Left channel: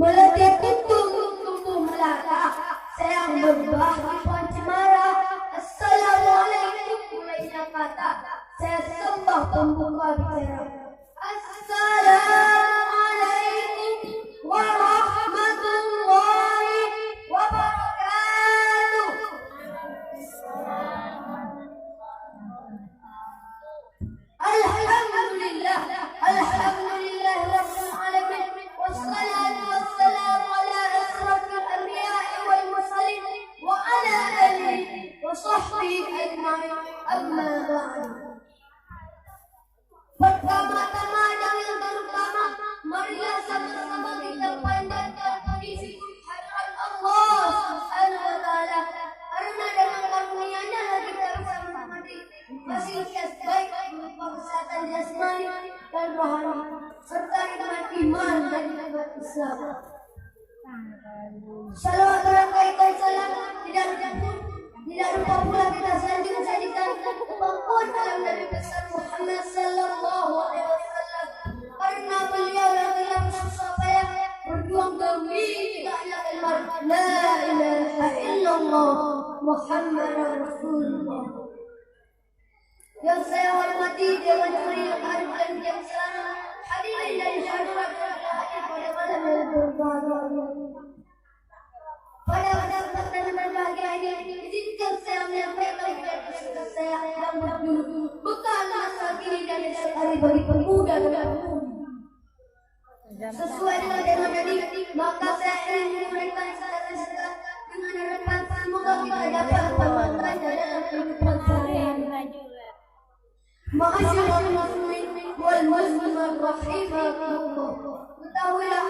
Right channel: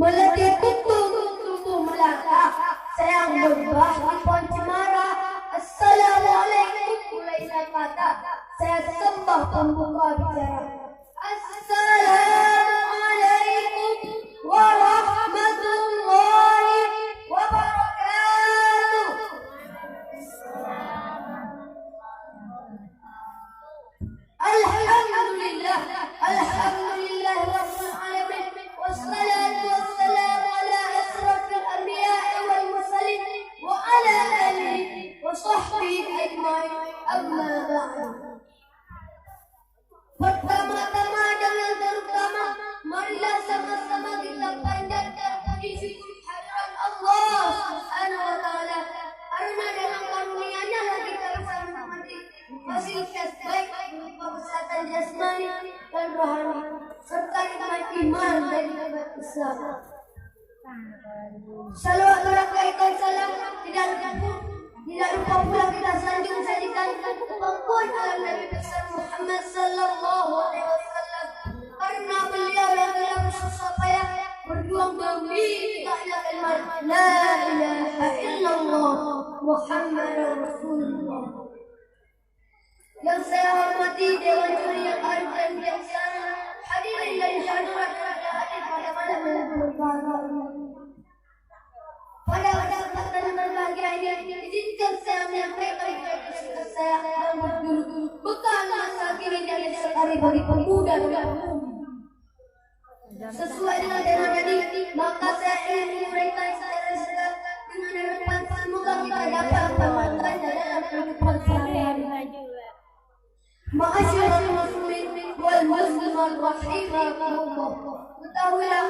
Melatih tubuh melata, sayang berbah di pohon cemara. Assalamualaikum mulainya kata, saya sembah pembuka bicara. Assalamualaikum warahmatullahi wabarakatuh. Alhamdulillah, alhamdulillah rabbil alamin, wassalatu wassalamu ala asrafil anbiya'i wal mursalin wa ala alihi wa sahbihi ajma'in, amma ba'du. Pertama-tama dan yang terutama, marilah sama-sama kita panjatkan puji kehadirat Allah Subhanahu wa taala, karena dengan karunia-Nya lah kita bisa menikmati fasilitas baik berupa kesehatan jasmani dan rohani serta nikmat iman dan nikmat Islam. Salawatullah salam tidak lupa pula kita sanjung sajikan pengakuan dalam Nabi besar Muhammad sallallahu alaihi wasallam, karena beliau yang telah bersusah payah berjuang demi tegaknya kalimat la ilaha illallah Muhammadar Rasulullah. Yang saya hormati Dewan Juri yang arif dan bijaksana, hadirin dan syahdurat yang hadir pada malam yang berbahagia. Pada kesempatan berbahagia ini, izinkan saya menyampaikan kepada saya yang berjudul Bekal Masa Kini dan Esok Hari bagi Pemuda dan Pemudi. Sesuai dengan tema tadi, maka saya ingin memberikan secara singkat dengan harapan semoga kita dapat mengamalkan dalam kehidupan sehari-hari. Ma'asyiral muslimin wal muslimat rahimahumullah. Ketahuilah